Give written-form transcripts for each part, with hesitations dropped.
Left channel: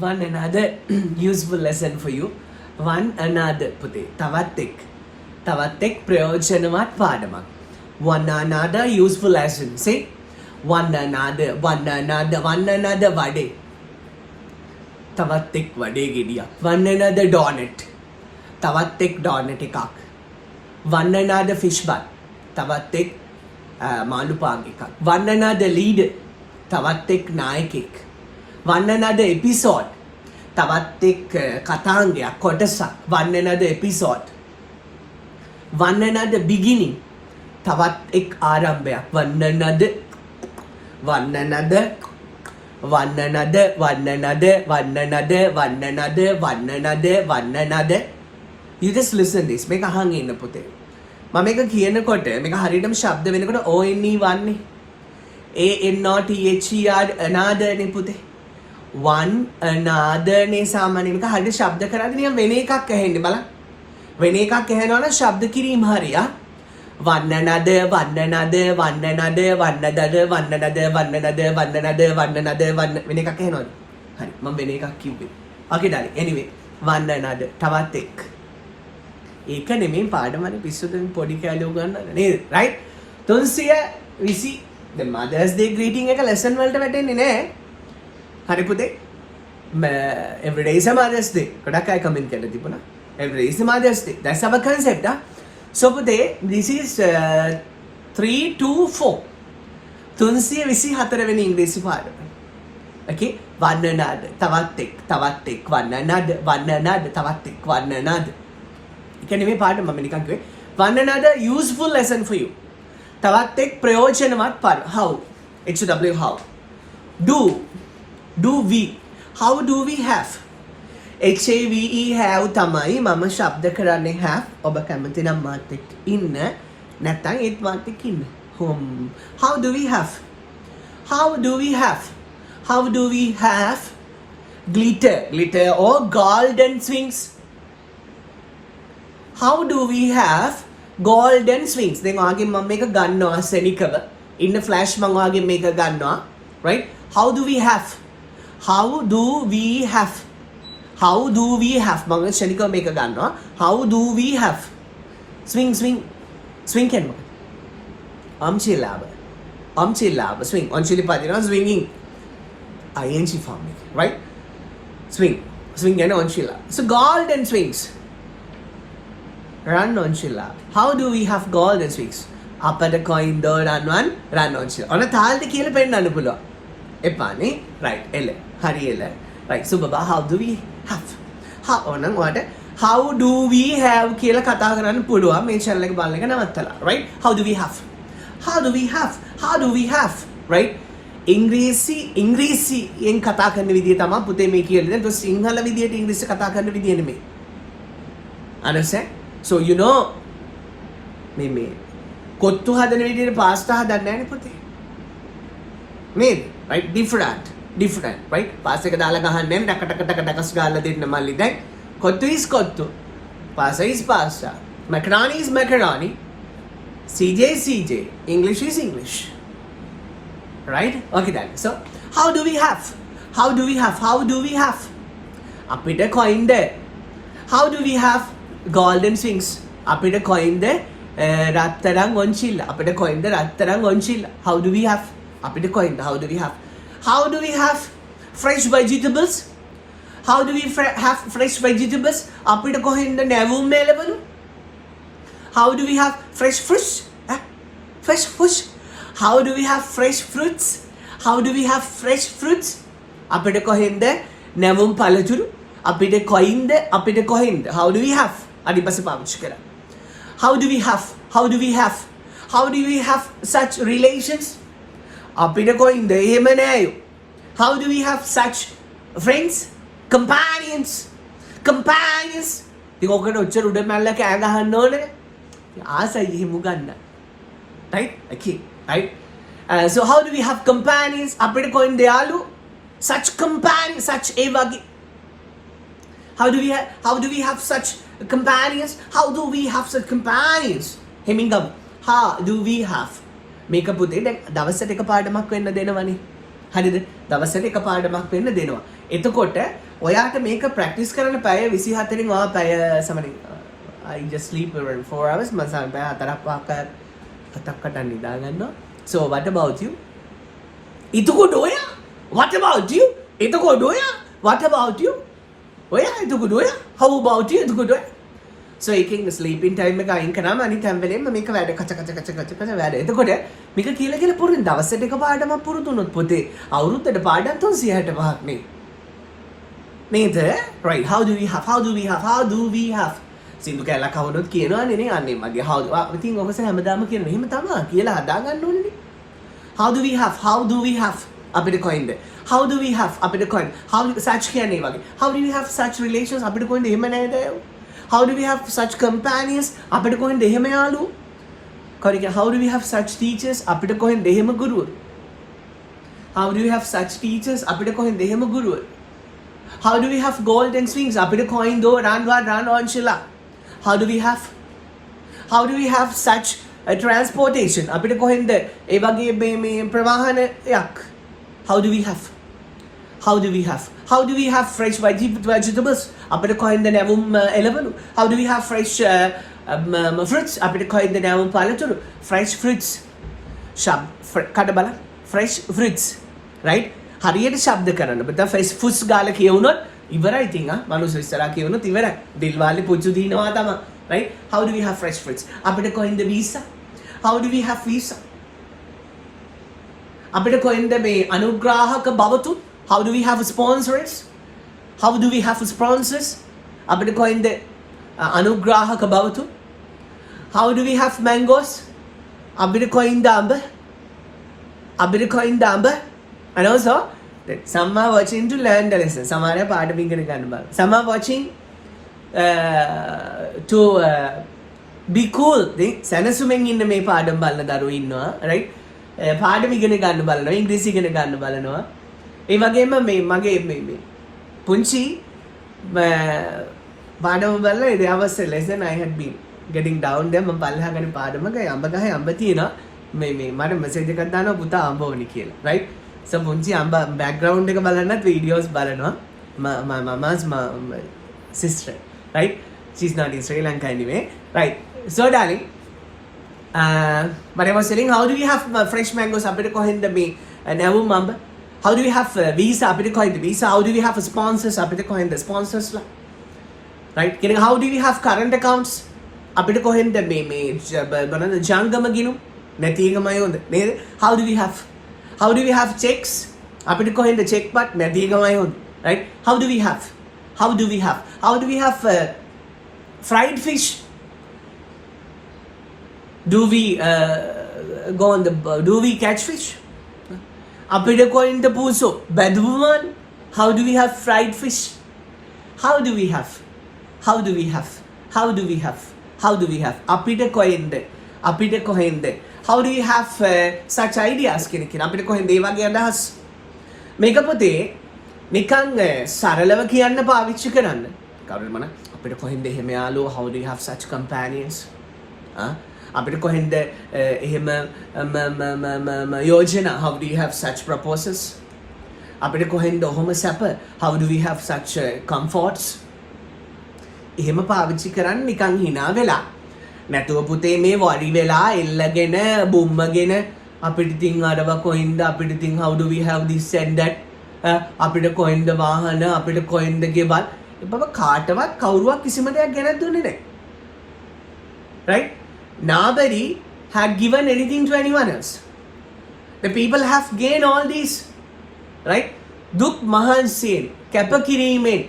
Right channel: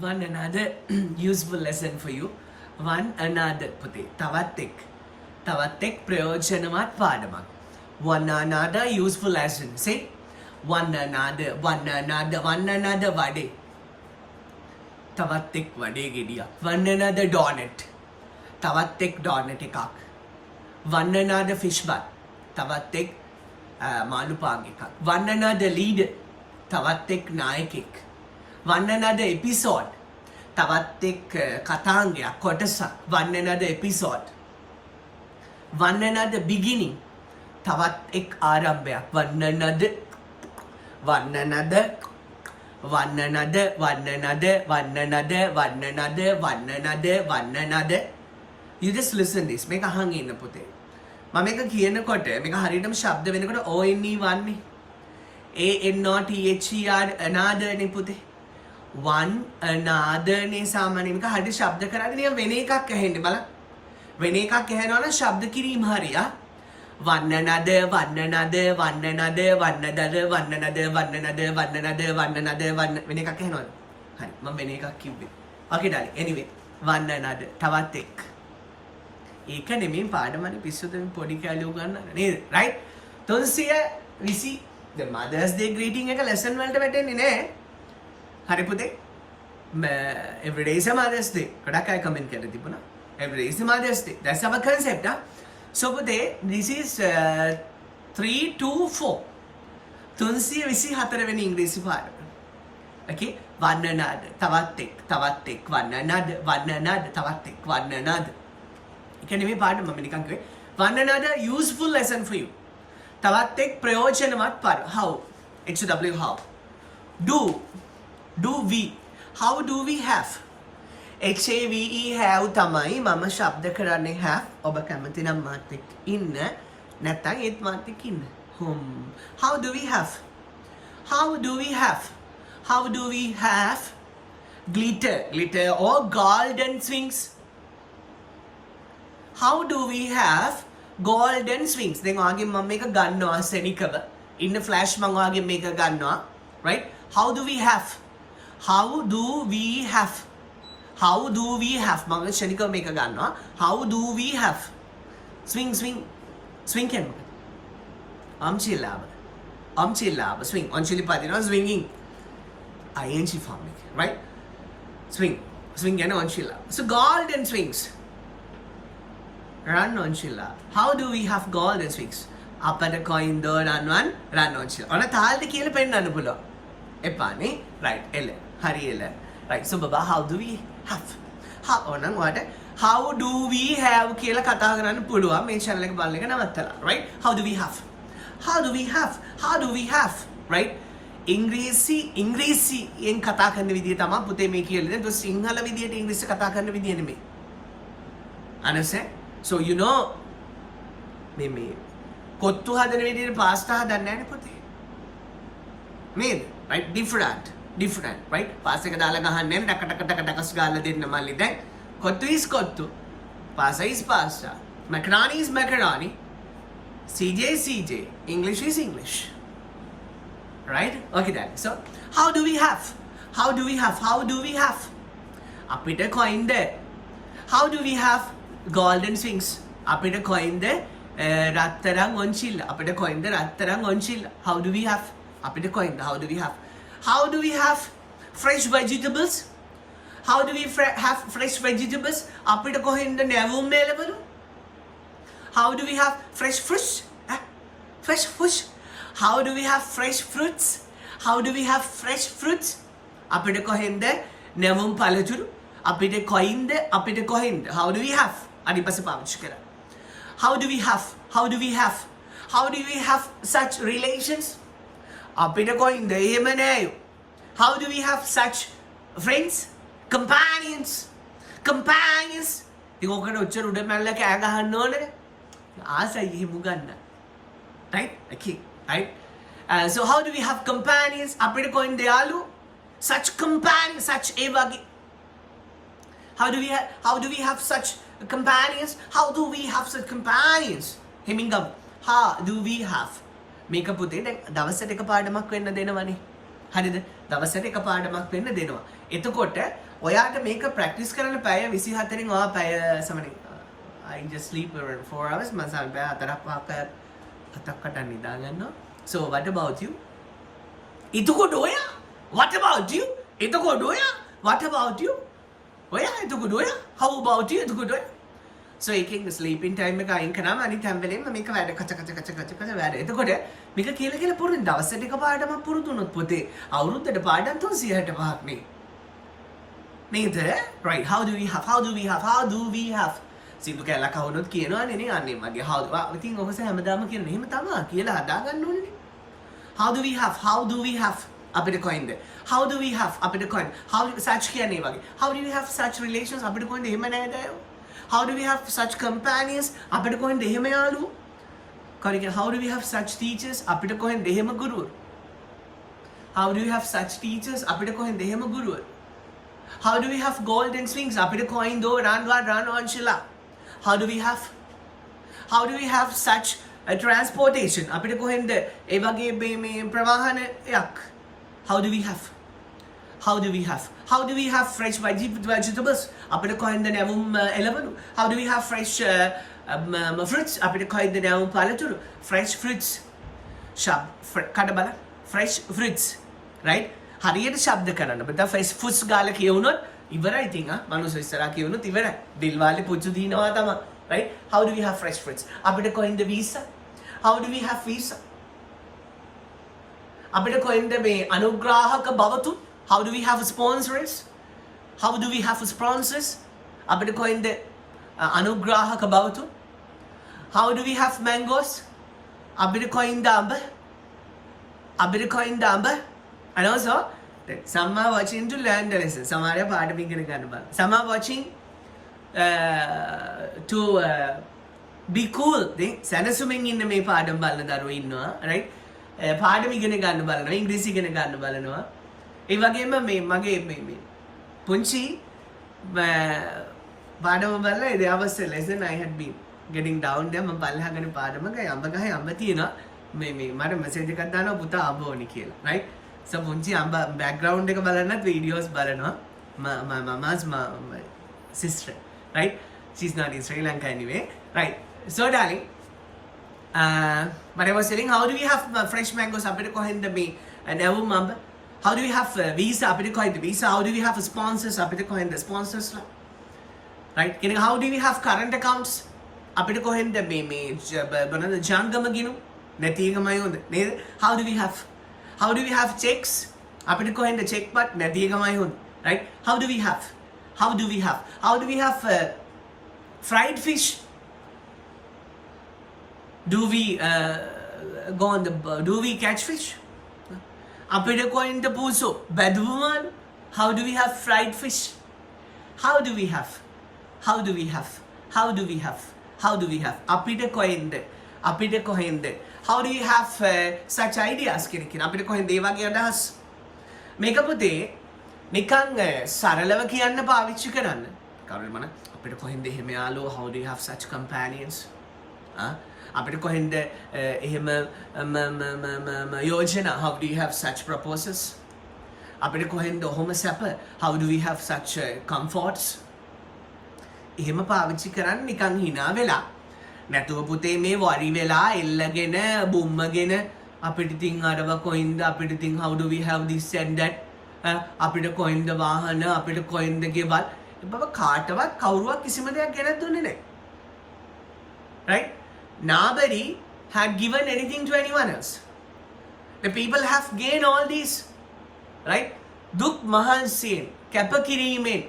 one another useful lesson for you. One another පුතේ තවත් එක් ප්‍රයෝජනවත් පාඩමක්. One another useful lesson. Say one another vadai. තවත් එක් වඩේ ගෙඩියක්. One another donut. තවත් එක් donut එකක්. One another fish bun. තවත් එක් මාළු පාන් එකක්. One another leader. තවත් එක් නායකෙක්. One another episode. තවත් එක් කතාංගයක් කොටසක්. One another episode. One another beginning. තවත් එක් ආරම්භයක්. One another. You just listen this. මේක අහන් ඉන්න පුතේ. මම මේක කියනකොට මේක හරියටම ශබ්ද වෙනකොට ONE වන්නේ. ANOTHER another නේ පුතේ. One another නේ සාමාන්‍යයෙන් මේක හරියට ශබ්ද කරන්නේ නිකන් වෙන එකක් ඇහෙන්නේ බලන්න. වෙන එකක් ඇහෙනවා නම් ශබ්ද කිරීම හරියා. One another වෙන එකක් ඇහෙනවද? හරි මම වෙන එකක් කිව්වේ. Okay darling. Anyway one another තවත් එක්. ඒක නෙමෙයි පාඩම වල පිස්සුද පොඩි කැලිය උගන්නන්න නේද? right 320 the Mother's Day greeting එක lesson වලට වැටෙන්නේ නෑ. හරි පුතේ. Every day is a Mother's Day. ගොඩක් අය comment කරලා තිබුණා. Every day is a Mother's Day. That's our concept. So පුතේ this is 324. 324 වෙනි ඉංග්‍රීසි පාඩම. Okay? One another තවත් එක් one another තවත් එක් one another. ඒක නෙමෙයි පාඩම මම නිකන් කිව්වේ. One another useful lesson for you. තවත් එක් ප්‍රයෝජනවත් පාඩම. How? HW how? Do we? How do we have? HAVE have තමයි මම ශබ්ද කරන්නේ have. ඔබ කැමති නම් මාත් එක්ක ඉන්න. නැත්නම් ඒත් මාත් එක්ක ඉන්න. How do we have? Glitter or golden swings? How do we have golden swings? දැන් ඔයාගේ මම මේක ගන්නවා සෙනිකව. ඉන්න ෆ්ලෑෂ් මම ඔයාගේ මේක ගන්නවා. right? How do we have? මම ශනිකව මේක ගන්නවා. How do we have? Swing කියන්නේ මොකක්ද? අම්චිලාබ swing. ඔන්චිලි පදිනවා swinging. ing form එක. right? swing කියන්නේ ඔන්චිලාබ. So golden swings. Run ඔන්චිලාබ. How do we have golden swings? අපට coin the run ඔන්චිලාබ. ඔන්න තාලෙට කියලා පෙන්නන්න පුළුවන්. එපානේ. right එල. හරි එල. right so baba how do we have? ඕනනම් ඔයාලට how do we have කියලා කතා කරන්න පුළුවන් මේ channel එක බලන එක නවත්තලා. right? How do we have? right? ඉංග්‍රීසියෙන් කතා කරන විදිය තමයි පුතේ මේ කියලා දෙන්නේ. તો සිංහල විදියට ඉංග්‍රීසි කතා කරන විදිය නෙමෙයි. understand? so you know මේ කොත්තු හදන විදියට පාස්තා හදන්නේ නැහැ නේ පුතේ. නේද? right? different right? පාස් එක දාලා ගහන්නේ නැහැ ඩකටකටකටකස් ගාලා දෙන්න මල්ලි. දැන් කොත්තු is kottu. pasta is pasta. macaroni is macaroni. CJ is CJ. English is English. Right? Okay darling. So how do we have? අපිට coin there. How do we have golden swings? අපිට coin there රත්තරන් ඔන්චිල්ල. අපිට coin there රත්තරන් ඔන්චිල්ල. How do we have? අපිට coin there. How do we have fresh vegetables? How do we have fresh vegetables? අපිට කොහෙන්ද නැවුම් මේලවලු? How do we have fresh fruits? How do we have fresh fruits? අපිට කොහෙන්ද නැවුම් පළතුරු? අපිට කොයින්ද? How do we have? අනිත් පස්සේ පාවිච්චි කරා. How do we have such relations? අපිට කොයින්ද? එහෙම නෑයෝ. How do we have such friends? Companions. ඉතින් ඔකට ඔච්චර උඩ මැල්ල කෑ ගහන්න ඕනේ. ආසයි එහෙම ගන්න. right? okay right? So how do we have companions? අපිට කොයින්ද යාළු? such companions such ඒ වගේ. how do we have such companions? හෙමින් ගමු. how do we have? මේක පුතේ දැන් දවසට එක පාඩමක් වෙන්න දෙනවනේ. හරිද? දවසට එක පාඩමක් වෙන්න දෙනවා. එතකොට ඔයාට මේක ප්‍රැක්ටිස් කරන්න පැය 24න් ඔයා පැය සමනින් I just sleep around 4 hours මම පැය 4ක් නිදා ගන්නවා. So what about you? එතකොට ඔයා what about you? එතකොට ඔයා what about you? ඔයා එතකොට ඔයා how about you? එතකොට ඔයා so එකෙන් ස්ලීපින් ටයිම් එක අයින් කරාම අනිත් හැම වෙලේම මේක වැඩ කච වැඩ. එතකොට මේක කියලා පුරුදු දවසට එක පාඩමක් පුරුදු වුණොත් පොතේ අවුරුද්දට පාඩම් 365ක් නේ. නේද? right how do we have සින්දු කැලක් අහුනොත් කියනවානේ නේ අනේ මගේ how ඉතින් ඔකස හැමදාම කියන එහෙම තමයි කියලා හදා ගන්න ඕනේ නේ. how do we have අපිට කොයින්ද how do we have අපිට කොයින්ද how such කියන්නේ වගේ how do we have such relations අපිට කොයින්ද එහෙම නේද? how do we have such companions අපිට කොහෙන්ද එහෙම යාළුවෝ කරික how do we have such teachers අපිට කොහෙන්ද එහෙම ගුරුවරු how do we have such teachers අපිට කොහෙන්ද එහෙම ගුරුවරු how do we have golden swings අපිට කොයින්ද run on shilla how do we have such a transportation අපිට කොහෙන්ද ඒ වගේ මේ ප්‍රවාහනයක් how do we have fresh vegetables අපිට කොහෙන්ද නැවුම් එළවලු how do we have fresh fruits අපිට කොහෙන්ද නැවුම් පළතුරු fresh fruits කඩ බලන්න fresh fruits right හරියට ශබ්ද කරන්න බෑ fresh fruits ගාලා කියවුනොත් ඉවරයි ඉතින් මනුස්ස ඉස්සරහා කියවුනොත් ඉවරයි දිල්වාලේ පුච්චු දිනවා තමයි right how do we have fresh fruits අපිට කොහෙන්ද visa how do we have visa අපිට කොහෙන්ද මේ අනුග්‍රාහක බවතුන් how do we have sponsors අපිට කොහෙන්ද අනුග්‍රාහක බවතුන් how do we have mangoes අපිට කොහෙන්ද අඹ and also some are watching to learn the lesson සමහර පාඩම ඉගෙන ගන්න බලන්න some are watching to be cool සැනසුමෙන් ඉන්න මේ පාඩම් බලන දරුවෝ ඉන්නවා right පාඩම ඉගෙන ගන්න බලනවා ඉංග්‍රීසි ඉගෙන ගන්න බලනවා ඒ වගේම මේ මගේ මේ පුංචි පාඩම බලලා ඒ දවස්වල lesson I had been getting down there මම පල්ලෙහා ගන්න පාඩමක අඹ ගහේ අඹ තියෙනවා මේ මට මැසේජ් එකක් දානවා පුතා අඹ ඕනි කියලා right so පුංචි අඹ background එක බලන්නත් videos බලනවා my mama's sister right she's not in Sri Lanka anyway right so darling but I was telling how do we have fresh mangoes අපිට කොහෙන්ද මේ නැවුම් අඹ how do we have visa අපිට කොහෙන්ද visa how do we have sponsors අපිට කොහෙන්ද sponsors ලා right කියන්නේ how do we have current accounts අපිට කොහෙන්ද මේ බලන්න ජංගම ගිණුම් නැති එකමයි හොඳ නේද how do we have checks අපිට කොහෙන්ද check පත් නැති එකමයි හොඳ right how do we have fried fish do we catch fish අපිට කොයින්ද පූසෝ බැදුවන් how do we have fried fish how do we have අපිට කොයින්ද how do you have such ideas කියන අපිට කොහෙන්ද ඒ වගේ අදහස් මේක පොතේ නිකන් සරලව කියන්න පාවිච්චි කරන්න කවුරුද මන අපිට කොහෙන්ද එහෙම යාළුවෝ how do you have such companions අපිට කොහෙන්ද එහෙම යෝජනා how do you have such proposals අපිට කොහෙන්ද ඔහොම සැප how do we have such comforts එහෙම පාවිච්චි කරන්න නිකන් hina වෙලා නැතුව පුතේ මේ වරි වෙලා එල්ලගෙන බුම්මගෙන අපිට ඉතින් අරව කොහෙන්ද අපිට ඉතින් how do we have this and that අපිට කොහෙන්ද වාහන අපිට කොහෙන්ද ගෙවල් බබ කාටවත් කවුරුවක් කිසිම දෙයක් ගෙනත් දුන්නේ නැහැ right nobody had given anything to anyone else the people have gained all these right දුක් මහන්සියෙන් කැපකිරීමෙන්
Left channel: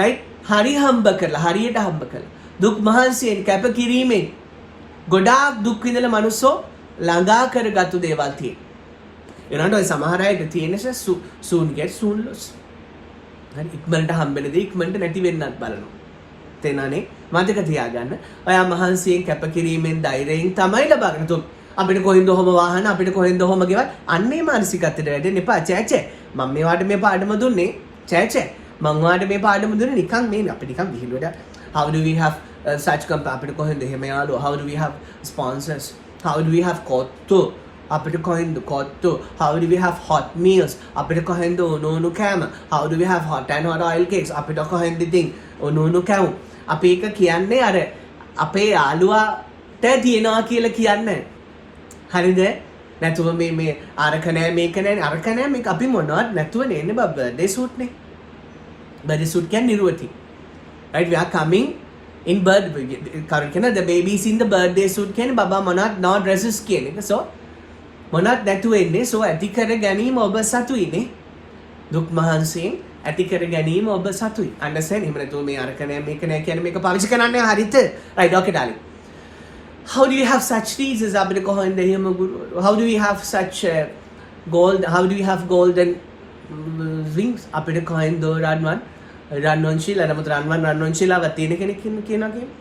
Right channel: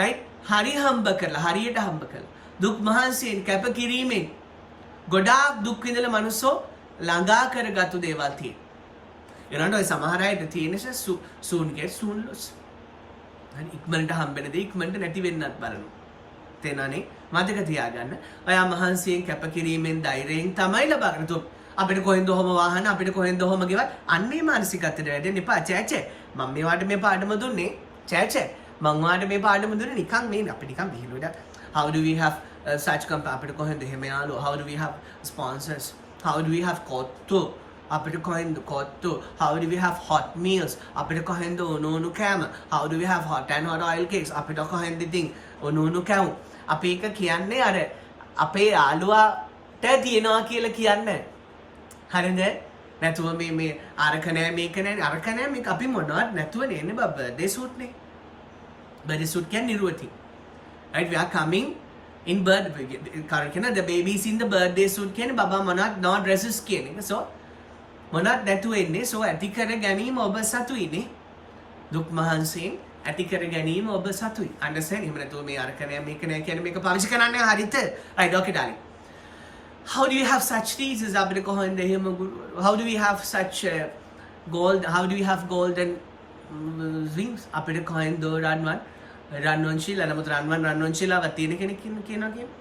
right හරි හම්බ කරලා හරියට හම්බ කරලා දුක් මහන්සියෙන් කැපකිරීමෙන් ගොඩාක් දුක් විඳලා මනුස්සෝ ළඟා කරගත්තු දේවල් තියෙන. ඒනට ඔය සමහර අයට තියෙන soon get soon lose. හරි ඉක්මනට හම්බෙන දේ ඉක්මනට නැති වෙන්නත් බලනවා. තේනනේ මතක තියාගන්න. ඔයා මහන්සියෙන් කැපකිරීමෙන් ධෛර්යයෙන් තමයි ලබාගෙන තුන් අපිට කොහෙන්ද ඔහම වාහන අපිට කොහෙන්ද ඔහම ගෙවල් අන්නේ මානසිකත්වයට වැටෙන්න එපා චෑචෑ මම මේවට මේ පාඩම දුන්නේ චෑචෑ මං වාට මේ පාඩම දුන්නේ නිකන් මේ අපි නිකන් විහිළුවට how do we have such අපිට කොහෙන්ද එහෙම යාළුවෝ how do we have sponsors how do we have kottu අපිට කොහෙන්ද kottu? How do we have hot meals? අපිට කොහෙන්ද උණු කෑම? How do we have hot and hot oil cakes? අපිට කොහෙන්ද ඉතින් උණු කෑම? අපි එක කියන්නේ අර අපේ යාළුවාට තියනවා කියලා කියන්නේ. හරිද? නැතුව මේ අරක නෑ මේක නෑ අරක නෑ මේක අපි මොනවත් නැතුව නේ බබ බර්ත්ඩේ සූට් නේ. බර්ත්ඩේ සූට් කියන්නේ නිරුවති. Right, we are coming in the babies in the birthday suit කියන්නේ බබා මොනවත් no dresses කියන එක. So මොනවත් නැතුව එන්නේ. So ඇති කර ගැනීම ඔබ සතුයිනේ. දුක් මහන්සියෙන් ඇති කර ගැනීම ඔබ සතුයි. understand? එහෙම නැතුව මේ අරක නෑ මේක නෑ කියන්නේ මේක පාවිච්චි කරන්නේ හරියට. right, okay darling. How do you have such teasers අපිට කොහොමද එහෙම how do we have such how do we have golden wings අපිට කොහෙන්ද රන්වන් ශීලා නමුත් රන්වන් ශීලාවක් තියෙන කෙනෙක් කියනවා කියමු.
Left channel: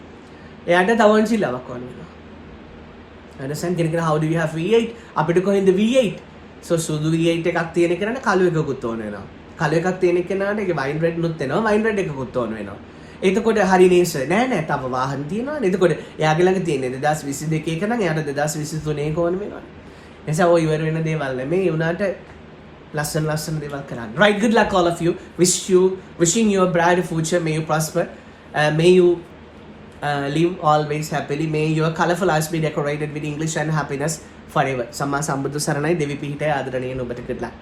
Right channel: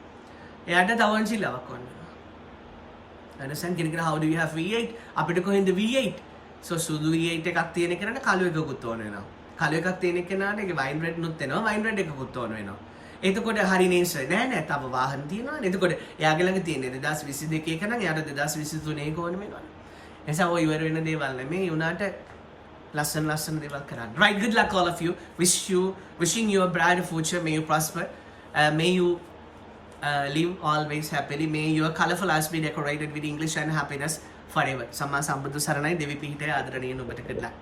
එයාට තවන් ශීලාවක් වань වෙනවා. understand? කෙනෙක් how do we have V8 අපිට කොහෙන්ද V8? so සුදු V8 එකක් තියෙන කෙනාට කළු එකකුත් ඕන වෙනවා. කළු එකක් තියෙන කෙනාට ඒක වයින් රෙඩ් නුත් වෙනවා. වයින් රෙඩ් එකකුත් ඕන වෙනවා. එතකොට හරි නේස නෑ තව වාහන තියෙනවානේ. එතකොට එයාගේ ළඟ තියෙන 2022 එක නම් එයාට 2023 එක ඕන වෙනවානේ. එනිසා ඔය ඉවර වෙන දේවල් නෙමෙයි උනාට ලස්සන දේවල් කරන්න. right, good luck all of you. Wishing you a bright future. May you prosper. May you live always happily. May your colorful lives be decorated with English and happiness forever. සම්මා සම්බුදු සරණයි. දෙවි පිහිටයි ආදරණීය ඔබට good luck.